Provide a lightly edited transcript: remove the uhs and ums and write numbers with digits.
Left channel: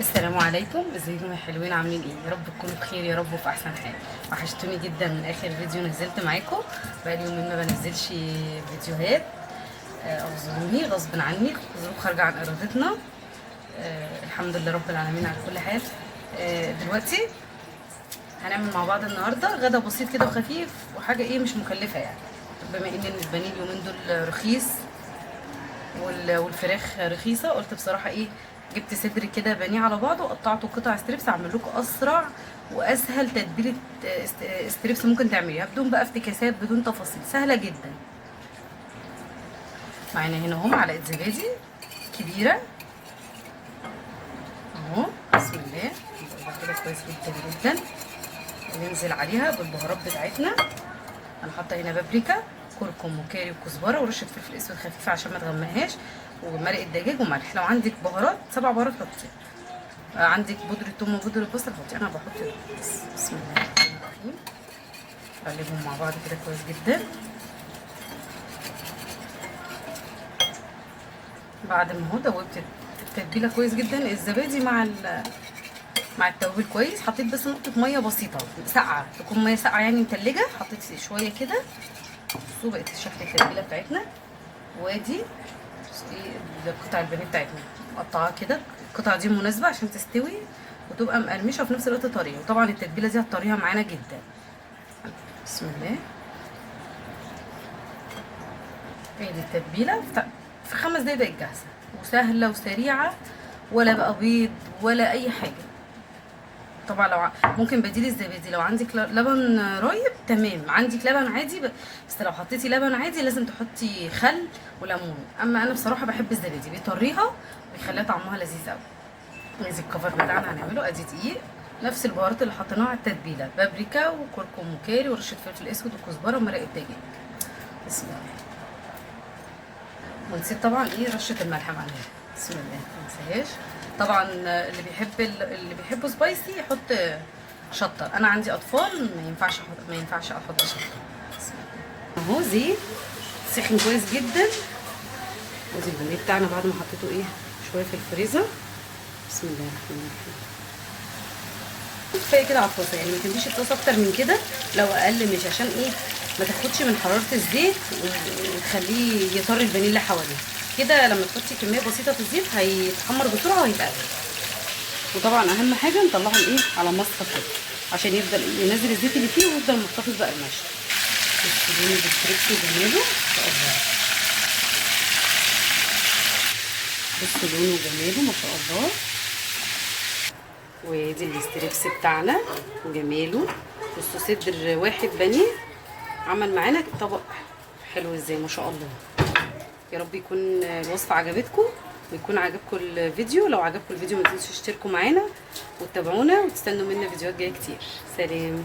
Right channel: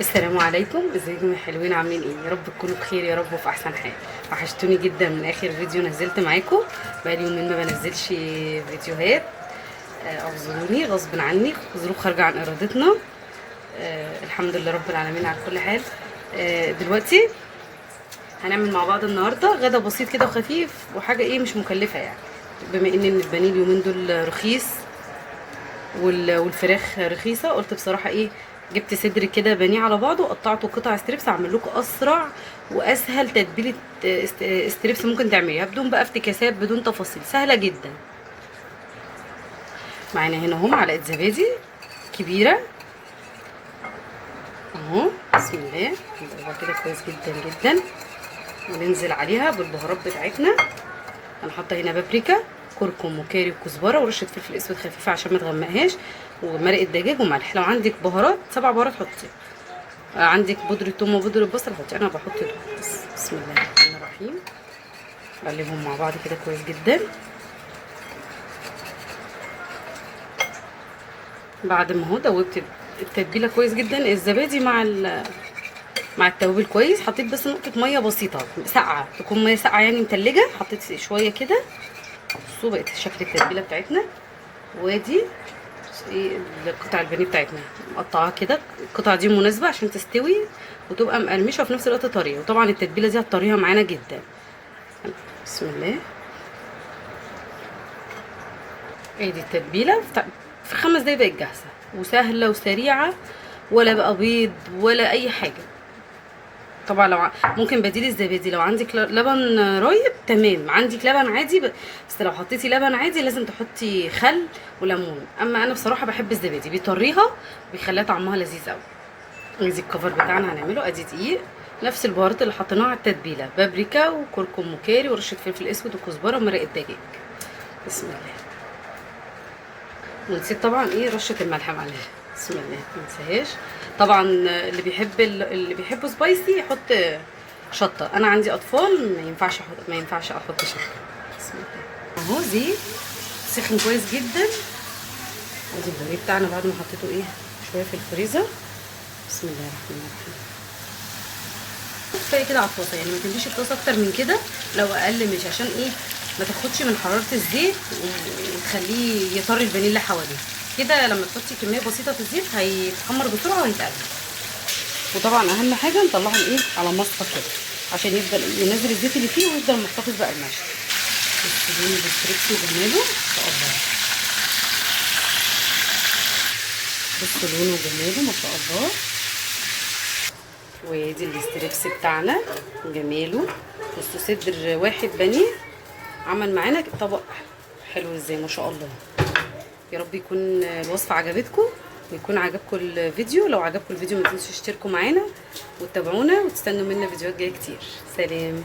السلام عليكم، ازيكم يا حلوين؟ عاملين ايه؟ يا رب تكونوا بخير يا رب وفي احسن حال. وحشتوني جدا من اخر فيديو نزلت معاكم. بقالي يومين ما بنزلش فيديوهات. اعذروني غصب عني، ظروف خارجه عن ارادتنا. الحمد لله رب العالمين على كل حال. دلوقتي هنعمل مع بعض النهارده غدا بسيط كده وخفيف وحاجه ايه مش مكلفه يعني. بما ان البانيه اليومين دول رخيص والفراخ رخيصه، قلت بصراحه ايه، جبت صدر كده بانيه على بعضه وقطعته قطع ستريبس، اعمل لكم اسرع واسهل تتبيله ستريبس ممكن تعمليها بدون بقى افتكاسات، بدون تفاصيل، سهله جدا. معانا هنا اهو معلقه زبادي كبيره اهو، بسم الله. نضربها كده كويس جدا جدا وننزل عليها بالبهارات بتاعتنا. انا حاطه هنا بابريكا، كركم وكاري وكزبره ورشه فلفل اسود خفيفه عشان ما تغمقهاش، ومرقه دجاج وملح. لو عندك بهارات 7 بهارات حطي، عندك بودره ثوم وبودره بصل حطي، انا بحط دول بس. بسم الله الرحمن الرحيم. نقلبهم مع بعض كده كويس جدا. بعد ما هو دوبت التتبيله كويس جدا، الزبادي مع التوابل كويس، حطيت بس نقطه ميه بسيطه ساقعه، تكون ميه ساقعه يعني متلجه، حطيت شويه كده. بصوا بقت شكل التتبيله بتاعتنا. وادي ايه قطع البانيه بتاعتنا مقطعاها كده، القطعه دي مناسبه عشان تستوي وتبقى مقرمشه وفي نفس الوقت طريه، وطبعا التتبيله دي هتطريها معانا جدا. بسم الله. ادي التتبيله في 5 دقايق بقت جاهزه وسهله وسريعه، ولا بقى بيض ولا اي حاجه. طبعا لو ممكن بديل الزبادي، لو عندك لبن رايب تمام، عندك لبن عادي بس لو حطيتي لبن عادي لازم تحطي خل وليمون. اما انا بصراحه بحب الزبادي، بيطريها وبيخليها طعمها لذيذ قوي. ادي الكفر بتاعنا هنعمله، ادي دقيق، نفس البهارات اللي حطيناها على التتبيله، بابريكا وكركم وكاري ورشه فلفل اسود وكزبره ومرقه دجاج. بسم الله. ونسيت طبعا ايه رشه الملح معاها، بسم الله ما ننساهاش. طبعا اللي بيحبوا سبايسي يحط شطه، انا عندي اطفال ما ينفعش احط شطه. بسم الله. اهو زيت سخن كويس جدا، ودي البانيه بتاعنا بعد ما حطيته ايه شويه في الفريزر. بسم الله الرحمن الرحيم. كفايه كده على الطاسه، يعني ما تمليش الطاسه اكتر من كده، لو اقل مش عشان ايه ما تاخدش من حراره الزيت وتخليه يطري البانيه اللي حواليه كده. لما تحطي كميه بسيطه في الزيت هيتحمر بسرعه وهيتقلب. وطبعا اهم حاجه نطلعهم ايه على مصفى كده عشان يفضل ينزل الزيت اللي فيه ويفضل محتفظ بقرمشه. بصوا لونه بالستريبس وجماله ما شاء الله، بصوا لونه وجماله ما شاء الله. وادي الاستريبس بتاعنا وجماله. بصوا صدر واحد بانيه عمل معانا طبق حلو ازاي ما شاء الله. يا رب يكون الوصفه عجبتكم ويكون عجبكم الفيديو. لو عجبكم الفيديو ما تنسوش تشتركوا معانا وتتابعونا وتستنوا منا فيديوهات جايه كتير. سلام.